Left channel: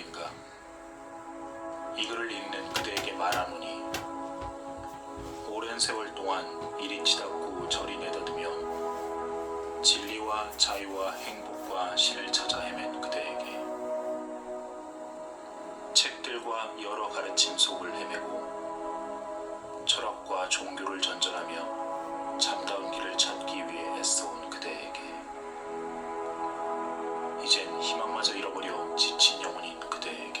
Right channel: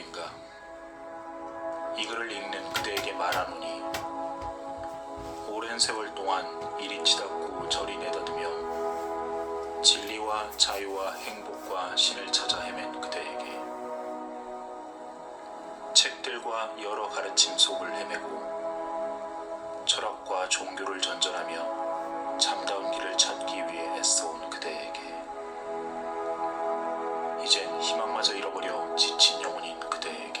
누구인가? 이 글을 읽는 그대에게 말하노니 오랜 세월 동안 이리 치닫고 저리 내다듬며 진리와 자유와 행복과 신을 찾아 헤맨 그대에게 책들과 여러 가르침 속을 헤매고 철학과 종교를 전전하며 참다운 길을 찾기 위해 애써온 그대에게 이젠 희망마저 잃어버려 지친 영혼인 그대에게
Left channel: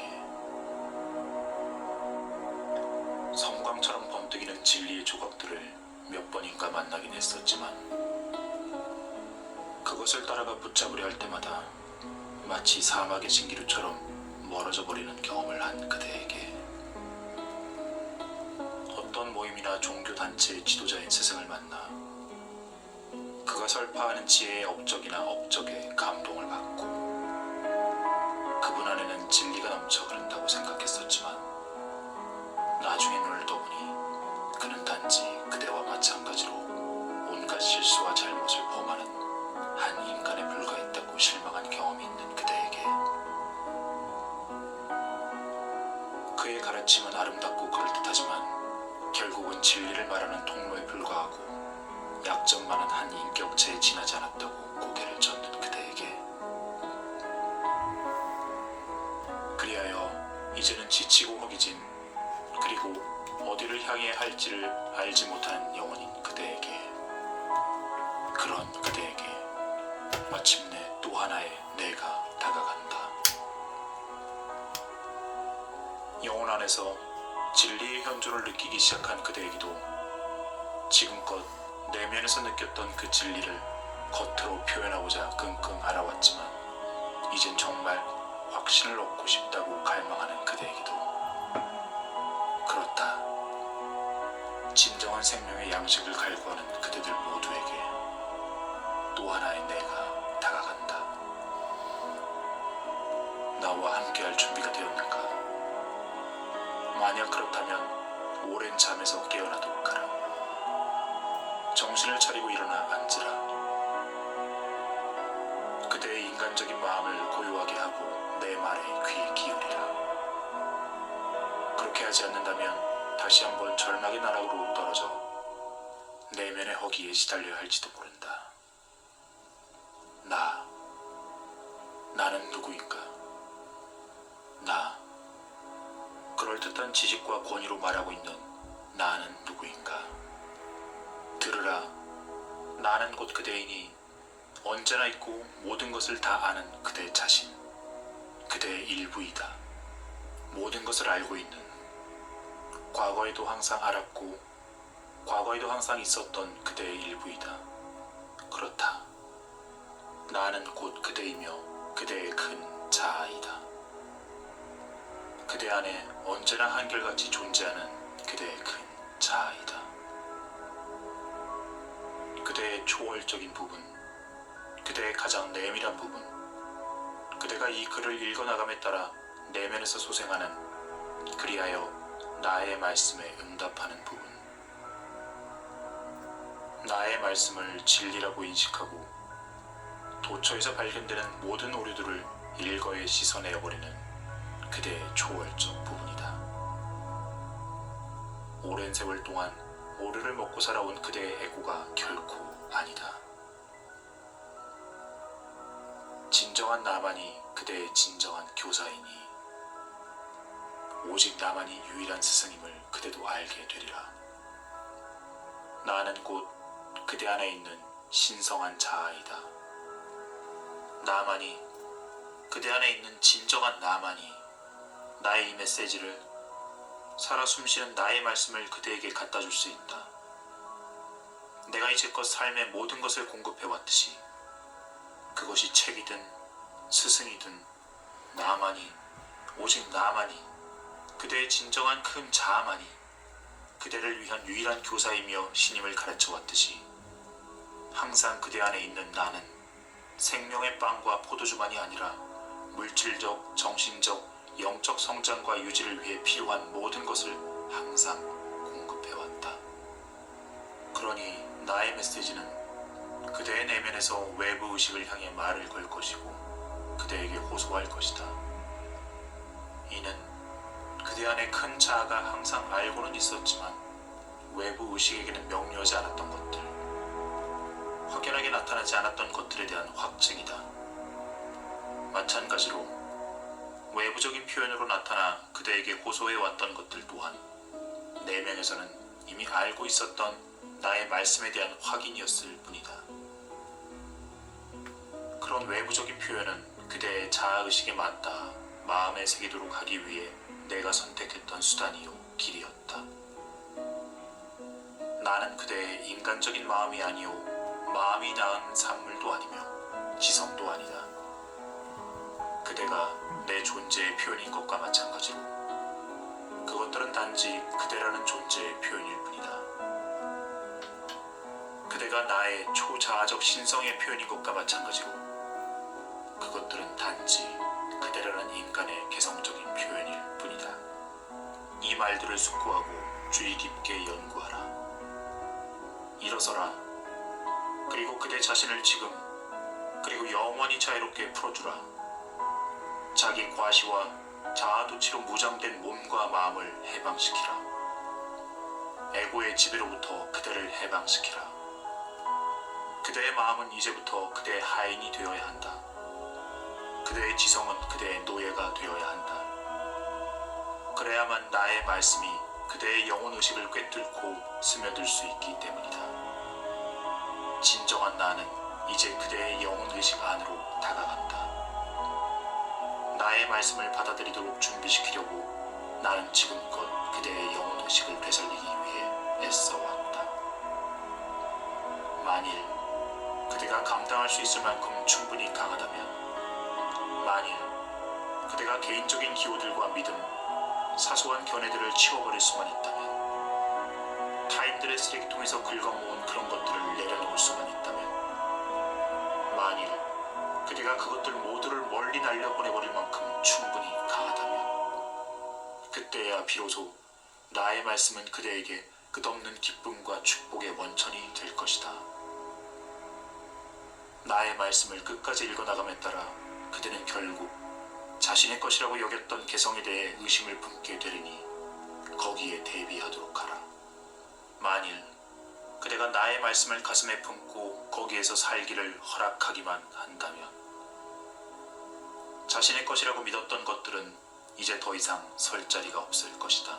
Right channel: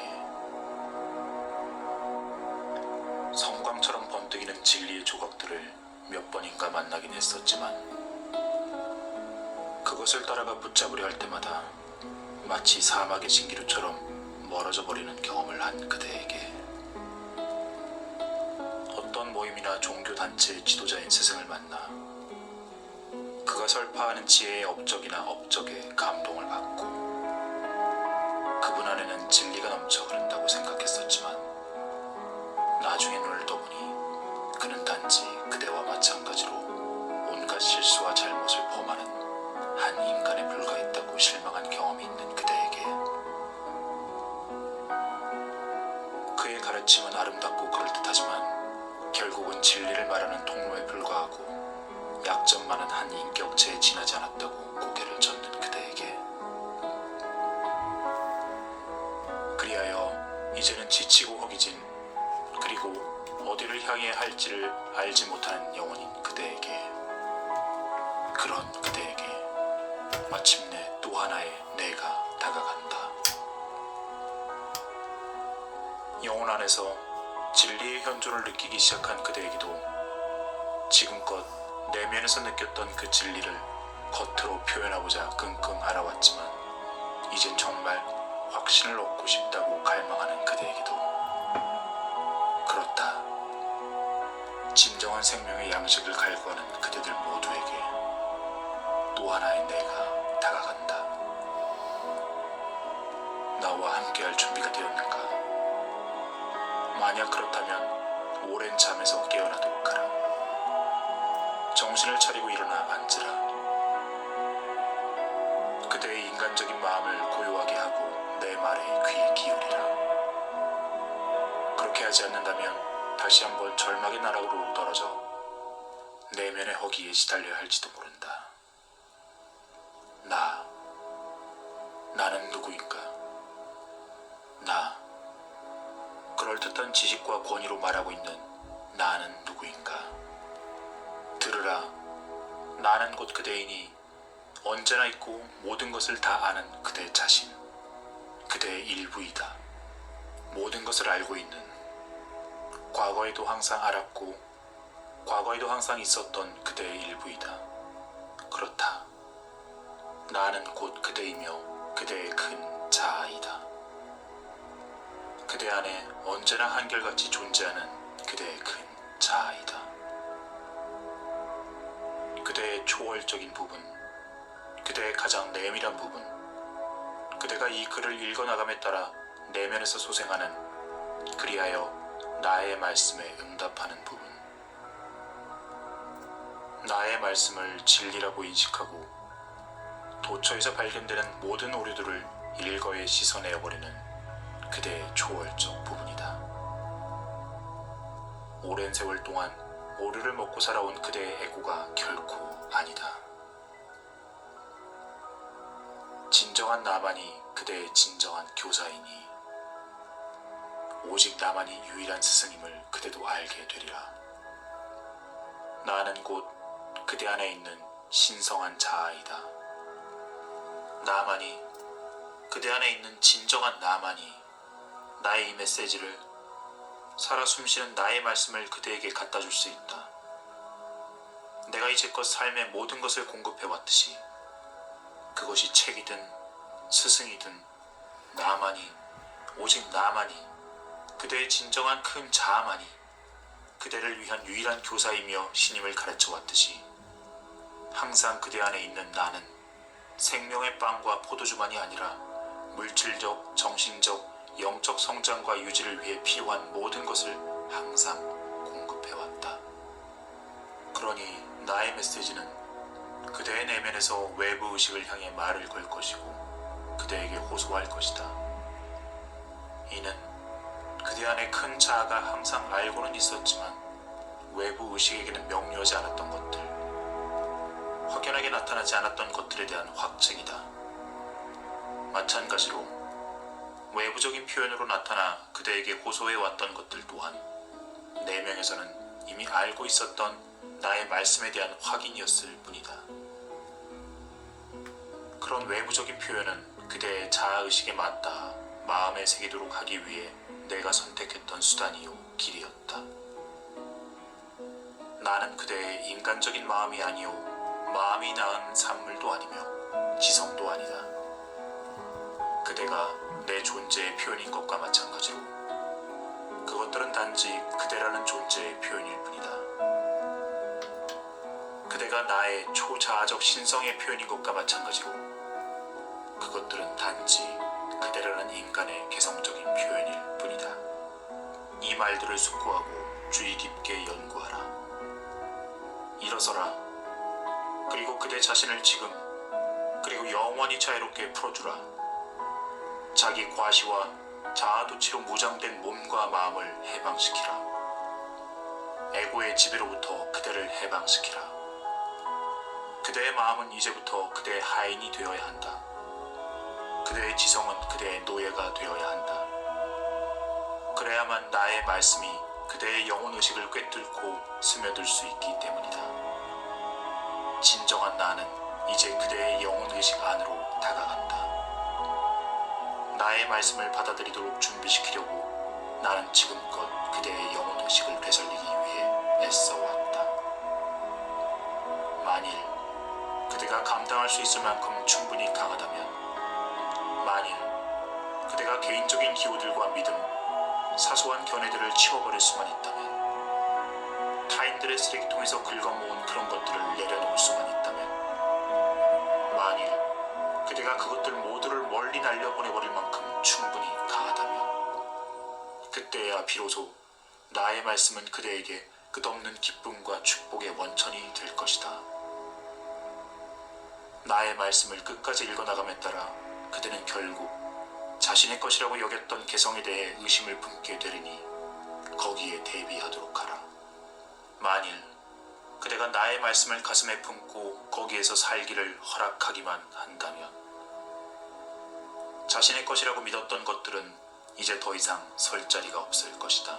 섬광처럼 번뜩이는 진리의 조각들을 몇 번인가 만나긴 했었지만 그것을 따라가 붙잡으려 할 때마다 마치 사막의 신기루처럼 멀어져 버리는 경험을 한 그대에게 어떤 모임이나 종교단체의 지도자인 스승을 만나 그가 설파하는 지혜의 업적이나 업적에 감동을 받고 그분 안에는 진리가 넘쳐 흐른다고 생각했었지만 나중에 눈을 떠보니 그는 단지 그대와 마찬가지로 온갖 실수와 잘못을 범하는 한 인간에 불과했다고 실망한 경험이 있는 그대에게 그의 가르침은 아름답고 그럴듯하지만 결국은 진리를 말하는 통로에 불과하고 약점 많은 한 인격체에 지나지 않았다고 고개를 젓는 그대에게 그리하여 이제는 지치고 허기진 그리고 어디를 향해 할지를 알지 못하는 영혼인 그대에게 그런 그대에게 마침내 또 하나의 내가 다가간다. 영혼 안에서 진리의 현존을 느끼기 시작한 그대에게도 지금껏 내면에서 느꼈던 그 진리를 겉으로 표현하고자 끙끙 앓아왔지만 이젠 정말 확신을 얻고 싶다고 갈망하는 그대에게도 그렇다. 진정한 생명의 양식을 갈구하는 그대들 모두에게 또 하나의 내가 다가간다. 나와 함께할 준비가 되었는가? 만약 그렇다면 오랜 잠에서 깨어나도록 하라. 정신을 차리고 일어나 앉으라. 그대의 인간적인 마음을 고요하게 하고 내 말에 귀 기울이라. 그렇게 하지 않는다면 다시 한번 절망의 나락으로 떨어져 내면의 허기에 시달려야 할지도 모른다. 나는 누구인가? 그럴듯한 지식과 권위로 말하고 있는 나는 누구인가? 들으라. 나는 곧 그대이니 언제나 있고 모든 것을 다 아는 그대 자신, 그대의 일부이다. 모든 것을 알고 있는, 과거에도 항상 알았고 과거에도 항상 있었던 그대의 일부이다. 그렇다. 나는 곧 그대이며 그대의 큰 자아이다. 그대 안에 언제나 한결같이 존재하는 그대의 큰 자아이다. 그대의 초월적인 부분, 그대의 가장 내밀한 부분, 그대가 이 글을 읽어나감에 따라 내면에서 소생하는 그리하여 나의 말씀에 응답하는 부분, 나의 말씀을 진리라고 인식하고 도처에서 발견되는 모든 오류들을 일거에 씻어내어버리는 그대의 초월적 부분이다. 오랜 세월 동안 오류를 먹고 살아온 그대의 애고가 결코 아니다. 진정한 나만이 그대의 진정한 교사이니 오직 나만이 유일한 스승임을 그대도 알게 되리라. 나는 곧 그대 안에 있는 신성한 자아이다. 나만이, 그대 안에 있는 진정한 나만이 나의 이 메시지를, 살아 숨쉬는 나의 말씀을 그대에게 갖다 줄 수 있다. 내가 이제껏 삶의 모든 것을 공급해왔듯이 그것이 책이든 스승이든 나만이, 오직 나만이, 그대의 진정한 큰 자아만이 그대를 위한 유일한 교사이며 신임을 가르쳐왔듯이 항상 그대 안에 있는 나는 생명의 빵과 포도주만이 아니라 물질적, 정신적, 영적 성장과 유지를 위해 필요한 모든 것을 항상 공급해왔다. 그러니 나의 메시지는 그대의 내면에서 외부 의식을 향해 말을 걸 것이고 그대에게 호소할 것이다. 이는 그대 안에 큰 자아가 항상 알고는 있었지만 외부 의식에게는 명료하지 않았던 것들, 확연하게 나타나지 않았던 것들에 대한 확증이다. 마찬가지로 외부적인 표현으로 나타나 그대에게 호소해왔던 것들 또한 내면에서는 이미 알고 있었던 나의 말씀에 대한 확인이었을 뿐이다. 그런 외부적인 표현은 그대의 자아의식에 맞다 마음에 새기도록 하기 위해 내가 선택했던 수단이요 길이었다. 나는 그대의 인간적인 마음이 아니요 마음이 낳은 산물도 아니며 지성도 아니다. 그대가 내 존재의 표현인 것과 마찬가지로 그것들은 단지 그대라는 존재의 표현일 뿐이다. 그대가 나의 초자아적 신성의 표현인 것과 마찬가지로 그것들은 단지 그대라는 인간의 개성적인 표현일 뿐이다. 이 말들을 숙고하고 주의 깊게 연구하라. 일어서라. 그리고 그대 자신을 지금 그리고 영원히 자유롭게 풀어주라. 자기 과시와 자아도취로 무장된 몸과 마음을 해방시키라. 에고의 지배로부터 그대를 해방시키라. 그대의 마음은 이제부터 그대의 하인이 되어야 한다. 그대의 지성은 그대의 노예가 되어야 한다. 그래야만 나의 말씀이 그대의 영혼의식을 꿰뚫고 스며들 수 있기 때문이다. 진정한 나는 이제 그대의 영혼의식 안으로 다가간다. 나의 말씀을 받아들이도록 준비시키려고 나는 지금껏 그대의 영혼의식을 되살리기 위해 애써왔다. 만일 그대가 감당할 수 있을 만큼 충분히 강하다면, 만일 그대가 개인적인 기호들과 믿음, 사소한 견해들을 치워버릴 수만 있다면, 타인들의 쓰레기통에서 긁어모은 그런 것들을 내려놓을 수만 있다면, 만일 그대가 그것들 모두를 멀리 날려보내버릴 만큼 충분히 강하다면, 그때야 비로소 나의 말씀은 그대에게 끝없는 기쁨과 축복의 원천이 될 것이다. 나의 말씀을 끝까지 읽어나감에 따라 그대는 결국 자신의 것이라고 여겼던 개성에 대해 의심을 품게 되리니 거기에 대비하도록 하라. 만일 그대가 나의 말씀을 가슴에 품고 거기에서 살기를 허락하기만 한다면, 자신의 것이라고 믿었던 것들은 이제 더 이상 설 자리가 없을 것이다.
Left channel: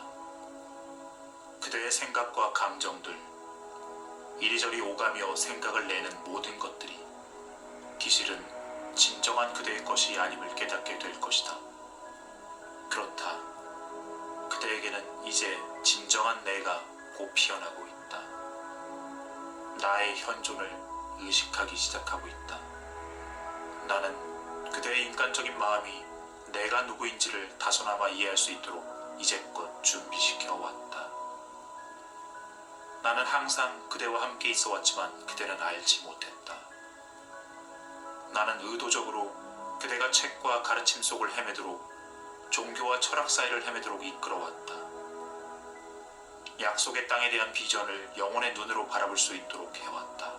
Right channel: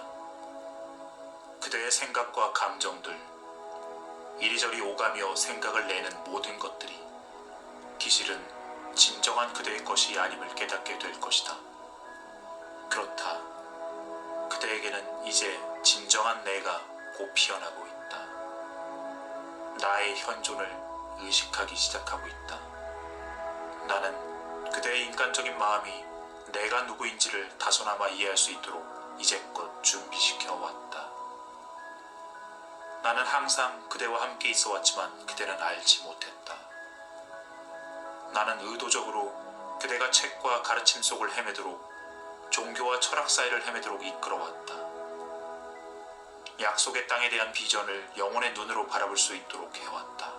그대의 생각과 감정들, 이리저리 오가며 생각을 내는 모든 것들이 기실은 진정한 그대의 것이 아님을 깨닫게 될 것이다. 그렇다. 그대에게는 이제 진정한 내가 곧 피어나고 있다. 나의 현존을 의식하기 시작하고 있다. 나는 그대의 인간적인 마음이 내가 누구인지를 다소나마 이해할 수 있도록 이제껏 준비시켜 왔다. 나는 항상 그대와 함께 있어 왔지만 그대는 알지 못했다. 나는 의도적으로 그대가 책과 가르침 속을 헤매도록, 종교와 철학 사이를 헤매도록 이끌어왔다. 약속의 땅에 대한 비전을 영혼의 눈으로 바라볼 수 있도록 해왔다.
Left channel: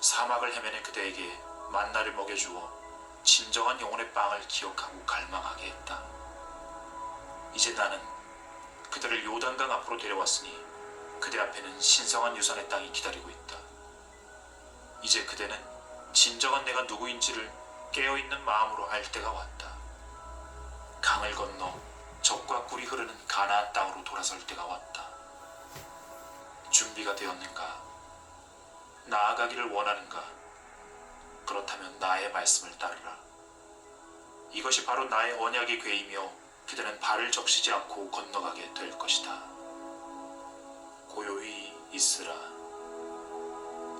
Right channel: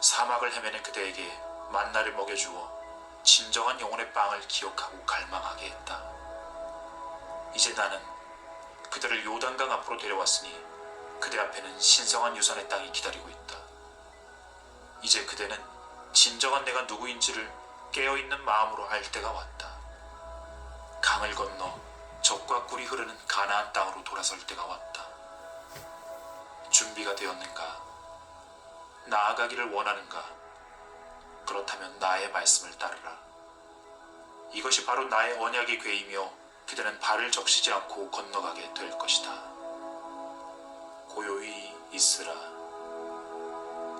사막을 헤매는 그대에게 만나를 먹여주어 진정한 영혼의 빵을 기억하고 갈망하게 했다. 이제 나는 그대를 요단강 앞으로 데려왔으니 그대 앞에는 신성한 유산의 땅이 기다리고 있다. 이제 그대는 진정한 내가 누구인지를 깨어있는 마음으로 알 때가 왔다. 강을 건너 젖과 꿀이 흐르는 가나안 땅으로 돌아설 때가 왔다. 준비가 되었는가? 나아가기를 원하는가? 그렇다면 나의 말씀을 따르라. 이것이 바로 나의 언약의 궤이며 그대는 발을 적시지 않고 건너가게 될 것이다. 고요히 있으라.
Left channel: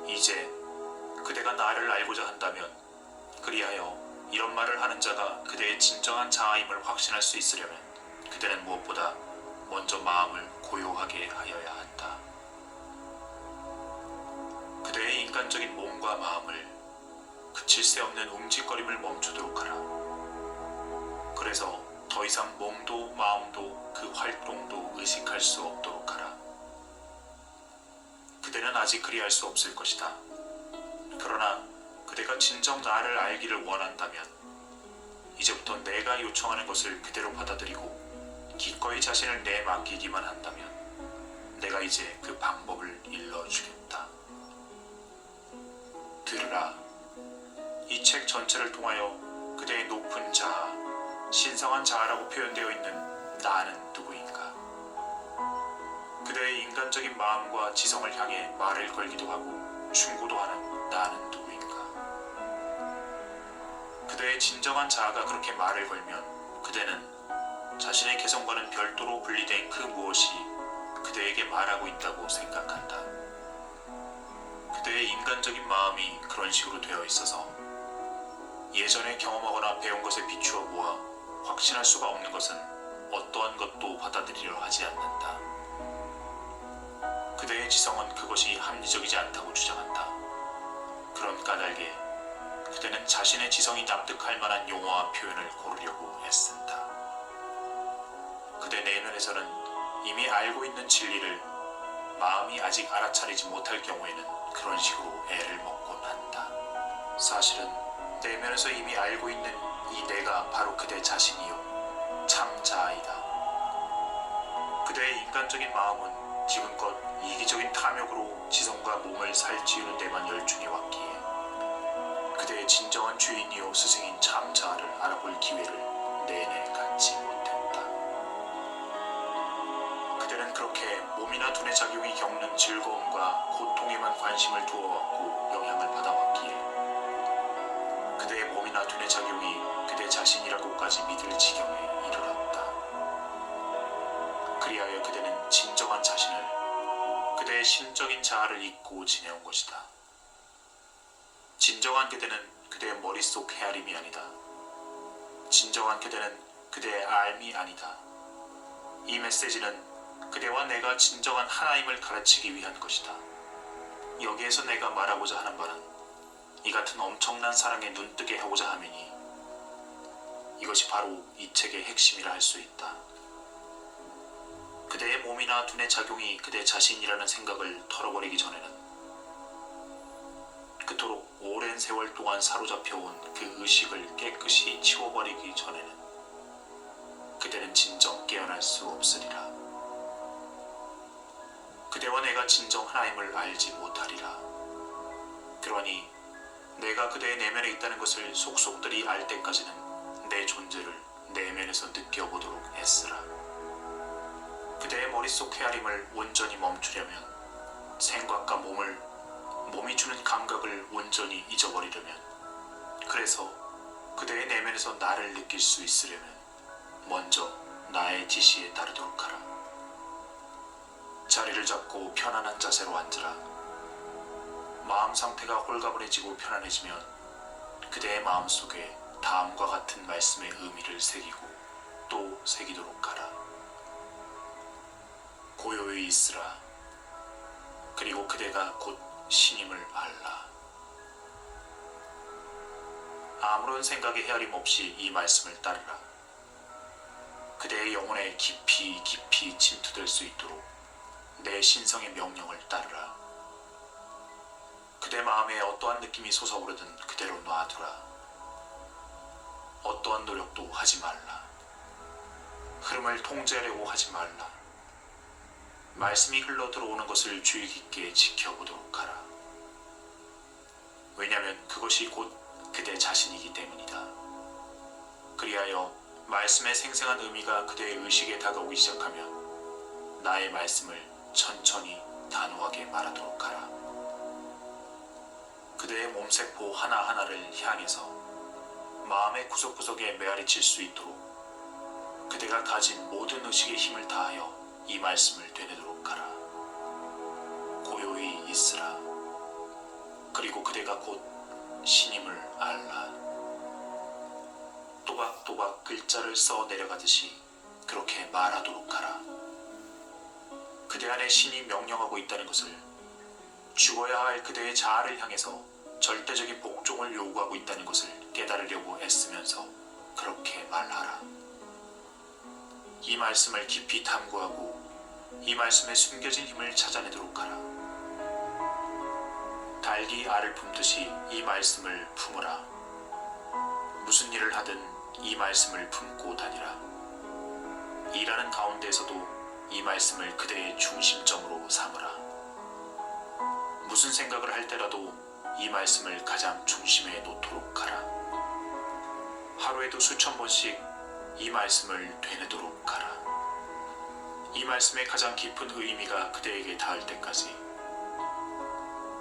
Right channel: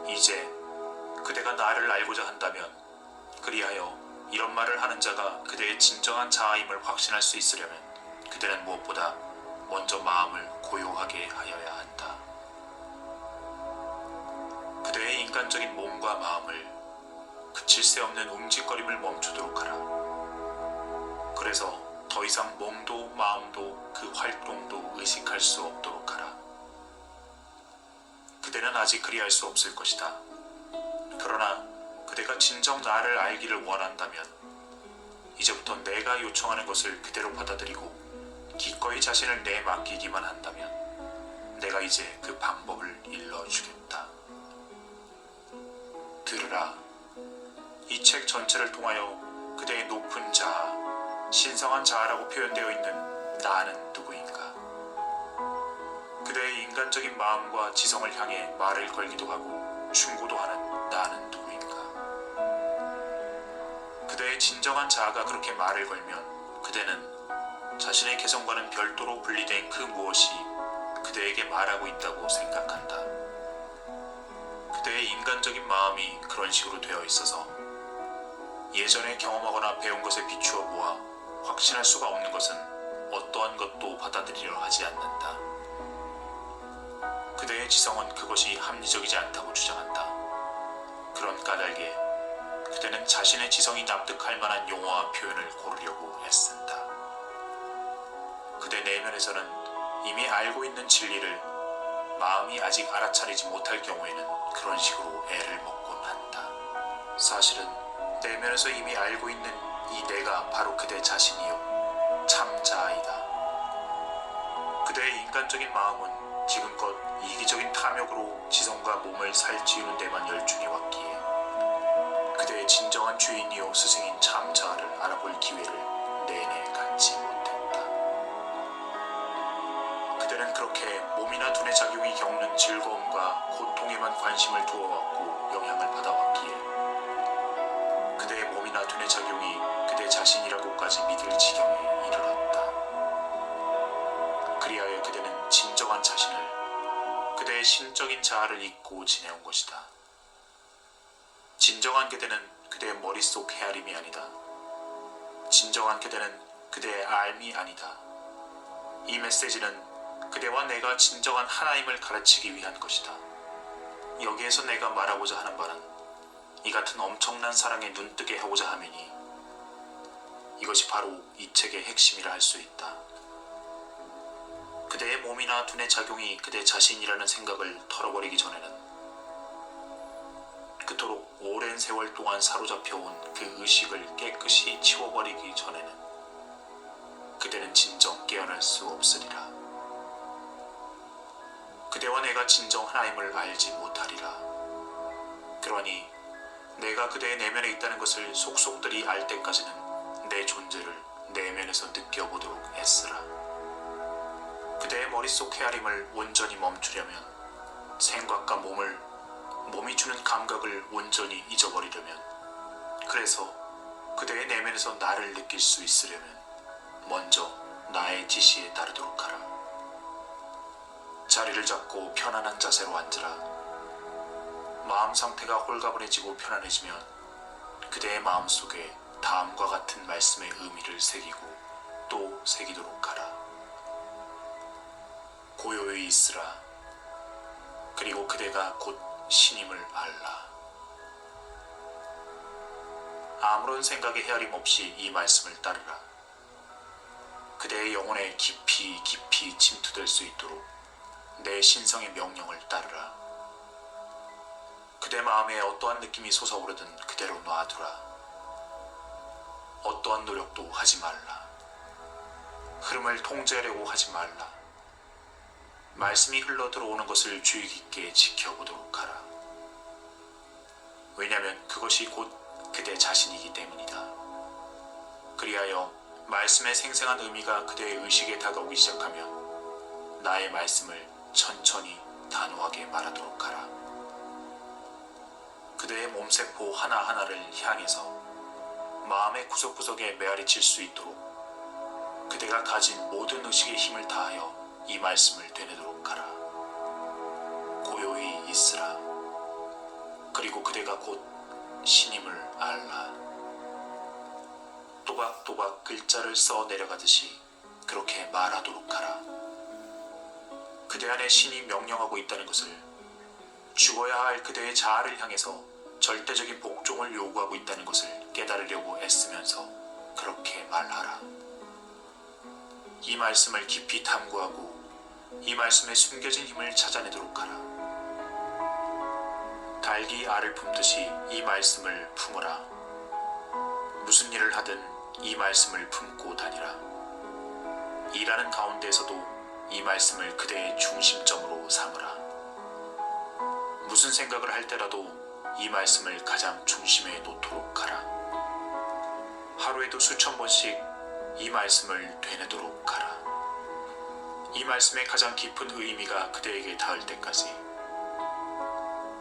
이제 그대가 나를 알고자 한다면, 그리하여 이런 말을 하는 자가 그대의 진정한 자아임을 확신할 수 있으려면 그대는 무엇보다 먼저 마음을 고요하게 하여야 한다. 그대의 인간적인 몸과 마음을 그칠 새 없는 움직거림을 멈추도록 하라. 그래서 더 이상 몸도 마음도 그 활동도 의식할 수 없도록 하라. 그대는 아직 그리할 수 없을 것이다. 그러나 그대가 진정 나를 알기를 원한다면 이제부터 내가 요청하는 것을 그대로 받아들이고 기꺼이 자신을 내맡기기만 한다면 내가 이제 그 방법을 일러주겠다. 들으라. 이 책 전체를 통하여 그대의 높은 자아, 신성한 자아라고 표현되어 있는 나는 누구인가? 그대의 인간적인 마음과 지성을 향해 말을 걸기도 하고 충고도 하는 나는 누구인가? 그대의 진정한 자아가 그렇게 말을 걸면 그대는 자신의 개성과는 별도로 분리된 그 무엇이 그대에게 말하고 있다고 생각한다. 그대의 인간적인 마음이 그런 식으로 되어 있어서 예전에 경험하거나 배운 것에 비추어 보아 확신할 수가 없는 것은 어떠한 것도 받아들이려 하지 않는다. 그대의 지성은 그것이 합리적이지 않다고 주장한다. 그런 까닭에 그대는 자신의 지성이 납득할 만한 용어와 표현을 고르려고 애쓴다. 그대 내면에서는 이미 알고 있는 진리를 마음이 아직 알아차리지 못할 경우에는 그런 식으로 애를 먹곤 한다. 사실은 내면에서 이미 알고 있는 이 내가 바로 그대 자신이요 참 자아이다. 그대의 인간적인 마음은 지금껏 이기적인 탐욕으로 지성과 몸을 살찌우는 데만 열중해 왔기에 그대의 진정한 주인이요 스승인 참 자아를 알아볼 기회를 내내 갖지 못했다. 그대는 그렇게 몸이나 두뇌 작용이 겪는 즐거움과 고통에만 관심을 두어왔고 영향을 받아왔기에 그대의 몸이나 두뇌 작용이 그대 자신이라고까지 믿을 지경에 이르렀다. 그리하여 그대는 진정한 자신을, 그대의 신적인 자아를 잊고 지내온 것이다. 진정한 그대는 그대의 머릿속 헤아림이 아니다. 진정한 그대는 그대의 알미 아니다. 이 메시지는 그대와 내가 진정한 하나임을 가르치기 위한 것이다. 여기에서 내가 말하고자 하는 바는 이 같은 엄청난 사랑에 눈뜨게 하고자 함이니 이것이 바로 이 책의 핵심이라 할 수 있다. 그대의 몸이나 두뇌 작용이 그대 자신이라는 생각을 털어버리기 전에는, 그토록 오랜 세월 동안 사로잡혀온 그 의식을 깨끗이 치워버리기 전에는 그대는 진정 깨어날 수 없으리라. 그대와 내가 진정 하나임을 알지 못하리라. 그러니 내가 그대의 내면에 있다는 것을 속속들이 알 때까지는 내 존재를 내면에서 느껴보도록 애쓰라. 그대의 머릿속 헤아림을 온전히 멈추려면, 생각과 몸이 주는 감각을 온전히 잊어버리려면, 그래서 그대의 내면에서 나를 느낄 수 있으려면 먼저 나의 지시에 따르도록 하라. 자리를 잡고 편안한 자세로 앉으라. 마음 상태가 홀가분해지고 편안해지면 그대의 마음속에 다음과 같은 말씀의 의미를 새기고 또 새기도록 하라. 고요히 있으라. 그리고 그대가 곧 신임을 알라. 아무런 생각의 헤아림 없이 이 말씀을 따르라. 그대의 영혼에 깊이 깊이 침투될 수 있도록 내 신성의 명령을 따르라. 그대 마음에 어떠한 느낌이 솟아오르든 그대로 놔두라. 어떠한 노력도 하지 말라. 흐름을 통제하려고 하지 말라. 말씀이 흘러 들어오는 것을 주의 깊게 지켜보도록 하라. 왜냐하면 그것이 곧 그대 자신이기 때문이다. 그리하여 말씀의 생생한 의미가 그대의 의식에 다가오기 시작하면 나의 말씀을 천천히 단호하게 말하도록 하라. 그대의 몸세포 하나하나를 향해서 마음의 구석구석에 메아리칠 수 있도록 그대가 가진 모든 의식의 힘을 다하여 이 말씀을 되뇌도록 하라. 고요히 있으라. 그리고 그대가 곧 신임을 알라. 또박또박 글자를 써 내려가듯이 그렇게 말하도록 하라. 그대 안에 신이 명령하고 있다는 것을, 죽어야 할 그대의 자아를 향해서 절대적인 복종을 요구하고 있다는 것을 깨달으려고 애쓰면서 그렇게 말하라. 이 말씀을 깊이 탐구하고 이 말씀에 숨겨진 힘을 찾아내도록 하라. 닭이 알을 품듯이 이 말씀을 품으라. 무슨 일을 하든 이 말씀을 품고 다니라. 일하는 가운데에서도 이 말씀을 그대의 중심점으로 삼으라. 무슨 생각을 할 때라도 이 말씀을 가장 중심에 놓도록 하라. 하루에도 수천 번씩 이 말씀을 되뇌도록 하라. 이 말씀의 가장 깊은 의미가 그대에게 닿을 때까지,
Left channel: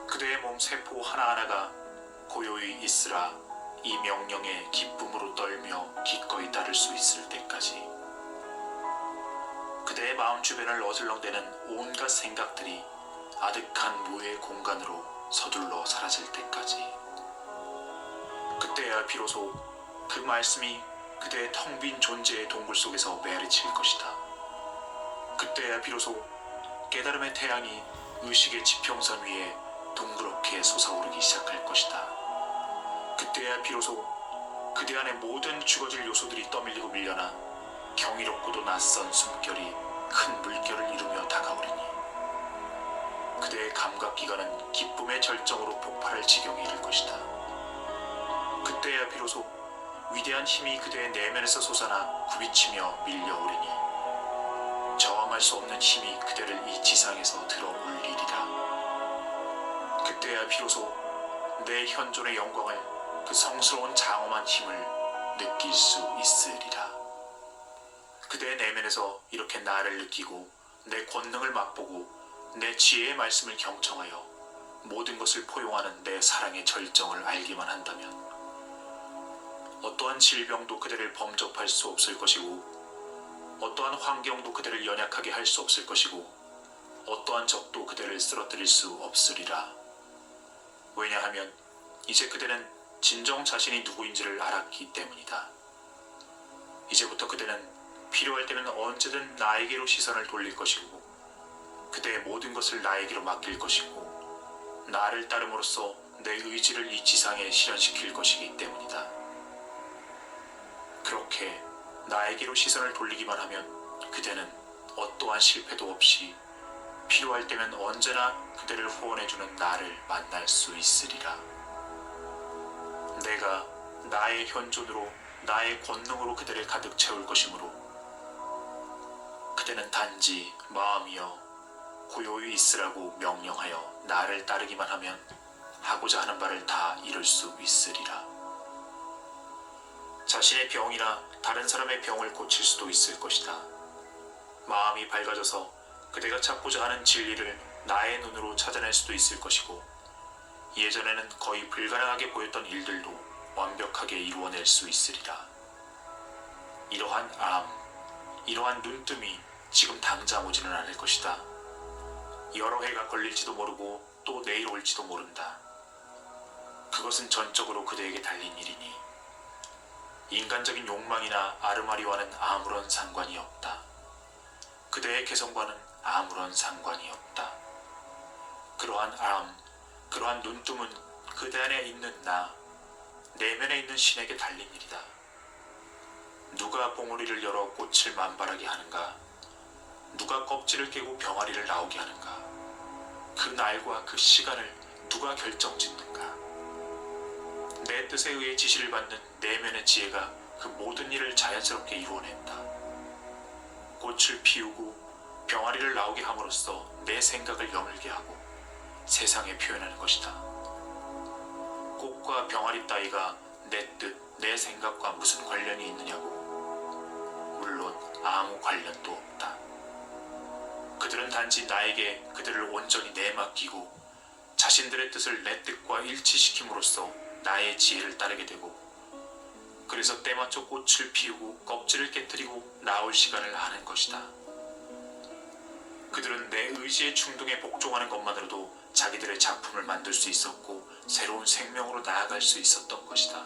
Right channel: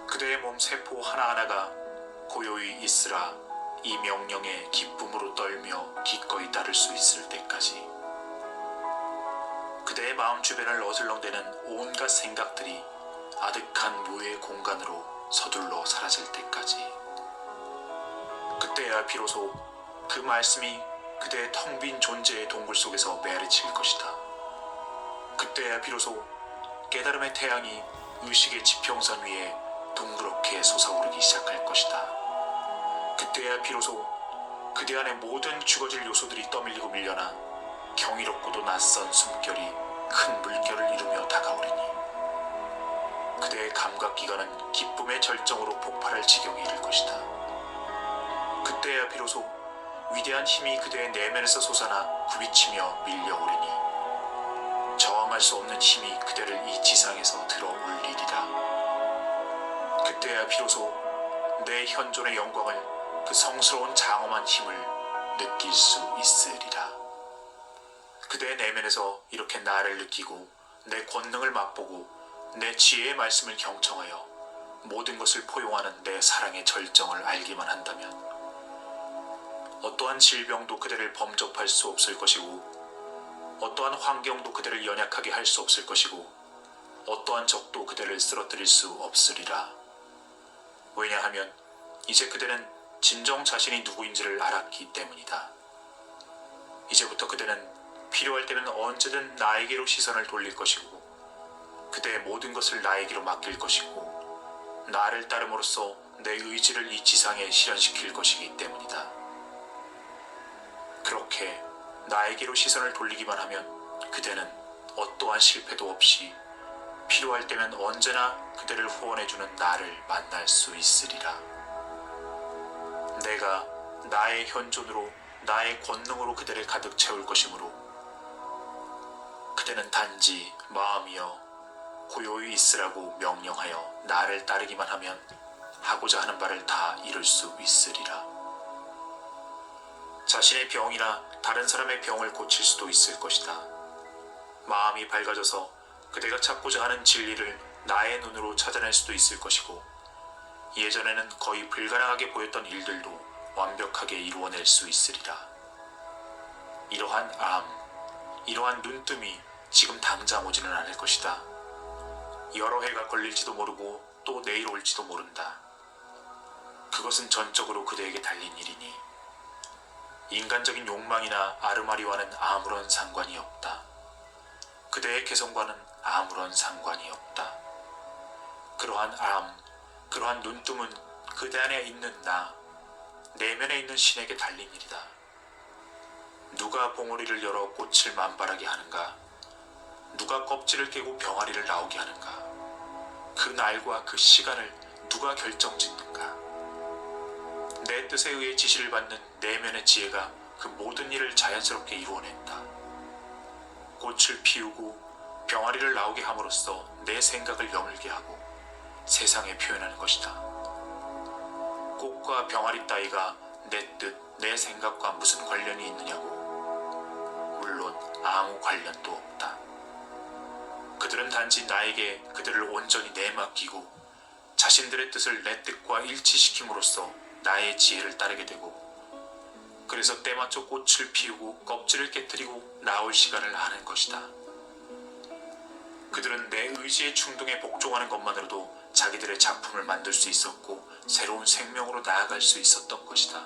그대의 몸 세포 하나하나가 고요히 있으라 이 명령에 기쁨으로 떨며 기꺼이 따를 수 있을 때까지, 그대의 마음 주변을 어슬렁대는 온갖 생각들이 아득한 무의 공간으로 서둘러 사라질 때까지, 그때야 비로소 그 말씀이 그대의 텅 빈 존재의 동굴 속에서 메아리칠 것이다. 그때야 비로소 깨달음의 태양이 의식의 지평선 위에 둥그렇게 솟아오르기 시작할 것이다. 그때야 비로소 그대 안의 모든 죽어질 요소들이 떠밀리고 밀려나 경이롭고도 낯선 숨결이 큰 물결을 이루며 다가오리니, 그대의 감각기관은 기쁨의 절정으로 폭발할 지경에 이를 것이다. 그때야 비로소 위대한 힘이 그대의 내면에서 솟아나 굽이치며 밀려오리니, 저항할 수 없는 힘이 그대를 이 지상에서 들어 올리리라. 그때야 비로소 내 현존의 영광을, 그 성스러운 장엄한 힘을 느낄 수 있으리라. 그대의 내면에서 이렇게 나를 느끼고 내 권능을 맛보고 내 지혜의 말씀을 경청하여 모든 것을 포용하는 내 사랑의 절정을 알기만 한다면, 어떠한 질병도 그대를 범접할 수 없을 것이고, 어떠한 환경도 그대를 연약하게 할 수 없을 것이고, 어떠한 적도 그대를 쓰러뜨릴 수 없으리라. 왜냐하면 이제 그대는 진정 자신이 누구인지를 알았기 때문이다. 이제부터 그대는 필요할 때면 언제든 나에게로 시선을 돌릴 것이고, 그대의 모든 것을 나에게로 맡길 것이고, 나를 따름으로써 내 의지를 이 지상에 실현시킬 것이기 때문이다. 그렇게 나에게로 시선을 돌리기만 하면 그대는 어떠한 실패도 없이 필요할 때면 언제나 그대를 후원해주는 나를 만날 수 있으리라. 내가 나의 현존으로, 나의 권능으로 그대를 가득 채울 것이므로, 그대는 단지 마음이여 고요히 있으라고 명령하여 나를 따르기만 하면 하고자 하는 바를 다 이룰 수 있으리라. 자신의 병이나 다른 사람의 병을 고칠 수도 있을 것이다. 마음이 밝아져서 그대가 찾고자 하는 진리를 나의 눈으로 찾아낼 수도 있을 것이고, 예전에는 거의 불가능하게 보였던 일들도 완벽하게 이루어낼 수 있으리라. 이러한 이러한 눈뜸이 지금 당장 오지는 않을 것이다. 여러 해가 걸릴지도 모르고 또 내일 올지도 모른다. 그것은 전적으로 그대에게 달린 일이니 인간적인 욕망이나 아르마리와는 아무런 상관이 없다. 그대의 개성과는 아무런 상관이 없다. 그러한 눈뜸은 그대 안에 있는 나, 내면에 있는 신에게 달린 일이다. 누가 봉우리를 열어 꽃을 만발하게 하는가? 누가 껍질을 깨고 병아리를 나오게 하는가? 그 날과 그 시간을 누가 결정짓는가? 내 뜻에 의해 지시를 받는 내면의 지혜가 그 모든 일을 자연스럽게 이루어낸다. 꽃을 피우고 병아리를 나오게 함으로써 내 생각을 여물게 하고 세상에 표현하는 것이다. 꽃과 병아리 따위가 내 뜻, 내 생각과 무슨 관련이 있느냐고? 물론 아무 관련도 없다. 그들은 단지 나에게 그들을 온전히 내맡기고 자신들의 뜻을 내 뜻과 일치시킴으로써 나의 지혜를 따르게 되고, 그래서 때맞춰 꽃을 피우고 껍질을 깨뜨리고 나올 시간을 하는 것이다. 그들은 내 의지의 충동에 복종하는 것만으로도 자기들의 작품을 만들 수 있었고 새로운 생명으로 나아갈 수 있었던 것이다.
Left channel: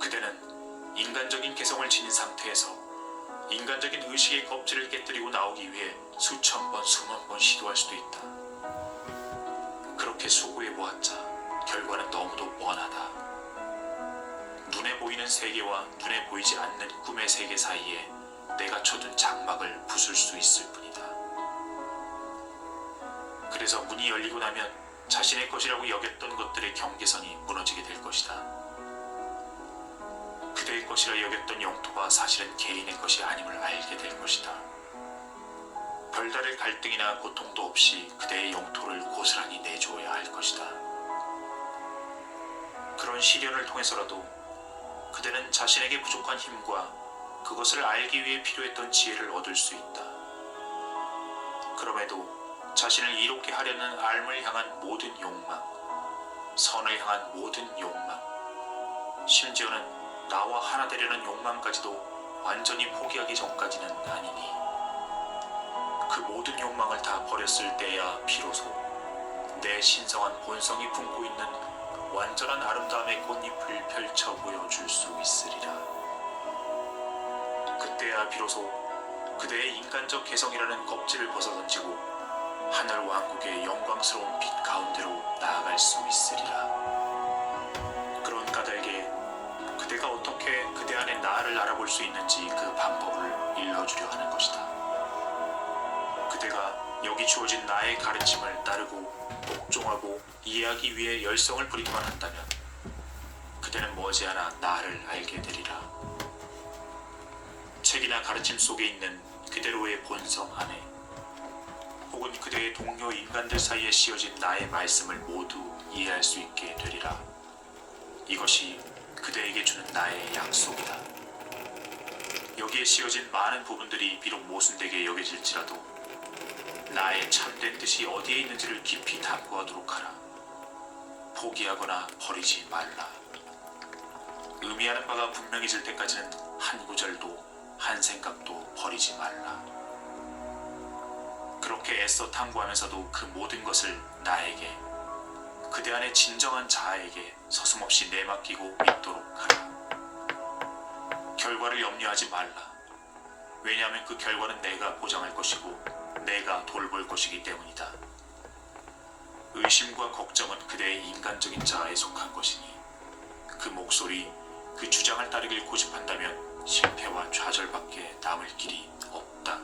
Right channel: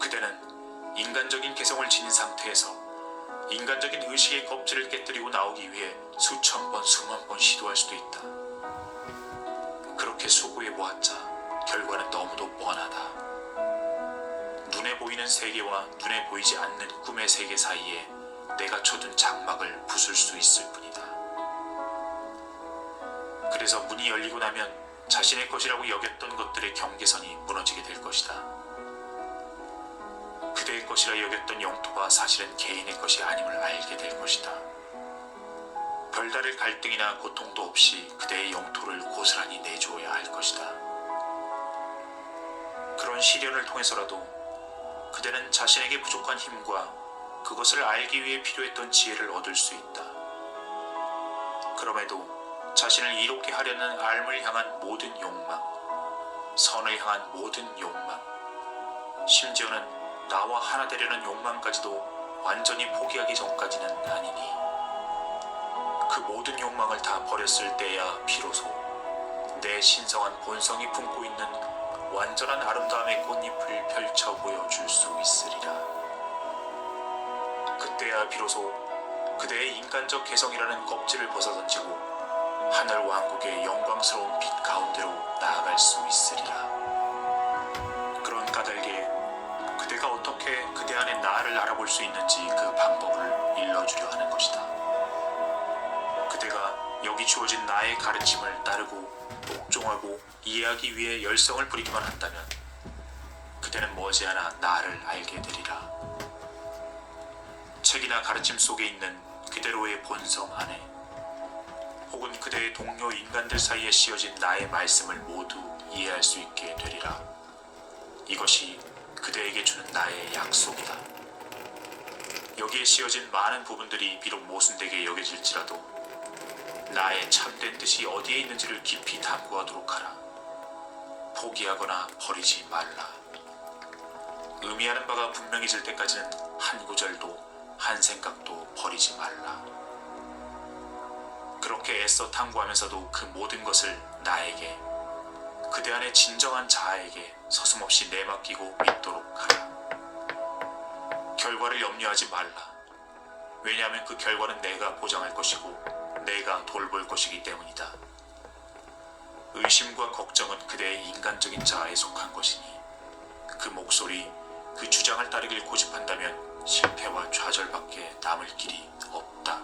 그대는 인간적인 개성을 지닌 상태에서 인간적인 의식의 껍질을 깨뜨리고 나오기 위해 수천 번, 수만 번 시도할 수도 있다. 그렇게 수고해보았자 결과는 너무도 뻔하다. 눈에 보이는 세계와 눈에 보이지 않는 꿈의 세계 사이에 내가 쳐둔 장막을 부술 수 있을 뿐이다. 그래서 문이 열리고 나면 자신의 것이라고 여겼던 것들의 경계선이 무너지게 될 것이다. 것이라 여겼던 영토가 사실은 개인의 것이 아님을 알게 될 것이다. 별다를 갈등이나 고통도 없이 그대의 영토를 고스란히 내주어야 할 것이다. 그런 시련을 통해서라도 그대는 자신에게 부족한 힘과 그것을 알기 위해 필요했던 지혜를 얻을 수 있다. 그럼에도 자신을 이롭게 하려는 삶을 향한 모든 욕망, 선을 향한 모든 욕망, 심지어는 나와 하나 되려는 욕망까지도 완전히 포기하기 전까지는 아니니 그 모든 욕망을 다 버렸을 때야 비로소 내 신성한 본성이 품고 있는 완전한 아름다움의 꽃잎을 펼쳐 보여줄 수 있으리라. 그때야 비로소 그대의 인간적 개성이라는 껍질을 벗어던지고 하늘 왕국의 영광스러운 빛 가운데로 나아갈 수 있으리라. 그런 까닭에 그대가 어떻게 그대 안에 나를 알아볼 수 있는지 그 방법을 일러주려 하는 것이다. 그대가 여기 주어진 나의 가르침을 따르고 복종하고 이해하기 위해 열성을 부리기만 한다면 그대는 머지않아 나를 알게 되리라. 책이나 가르침 속에 있는 그대로의 본성 안에 혹은 그대의 동료 인간들 사이에 씌어진 나의 말씀을 모두 이해할 수 있게 되리라. 이것이 그대에게 주는 나의 약속이다. 여기에 씌어진 많은 부분들이 비록 모순되게 여겨질지라도 나의 참된 뜻이 어디에 있는지를 깊이 탐구하도록 하라. 포기하거나 버리지 말라. 의미하는 바가 분명해질 때까지는 한 구절도 한 생각도 버리지 말라. 그렇게 애써 탐구하면서도 그 모든 것을 나에게, 그대 안의 진정한 자아에게 서슴없이 내맡기고 믿도록 하라. 결과를 염려하지 말라. 왜냐하면 그 결과는 내가 보장할 것이고 내가 돌볼 것이기 때문이다. 의심과 걱정은 그대의 인간적인 자아에 속한 것이니 그 목소리, 그 주장을 따르길 고집한다면 실패와 좌절밖에 남을 길이 없다.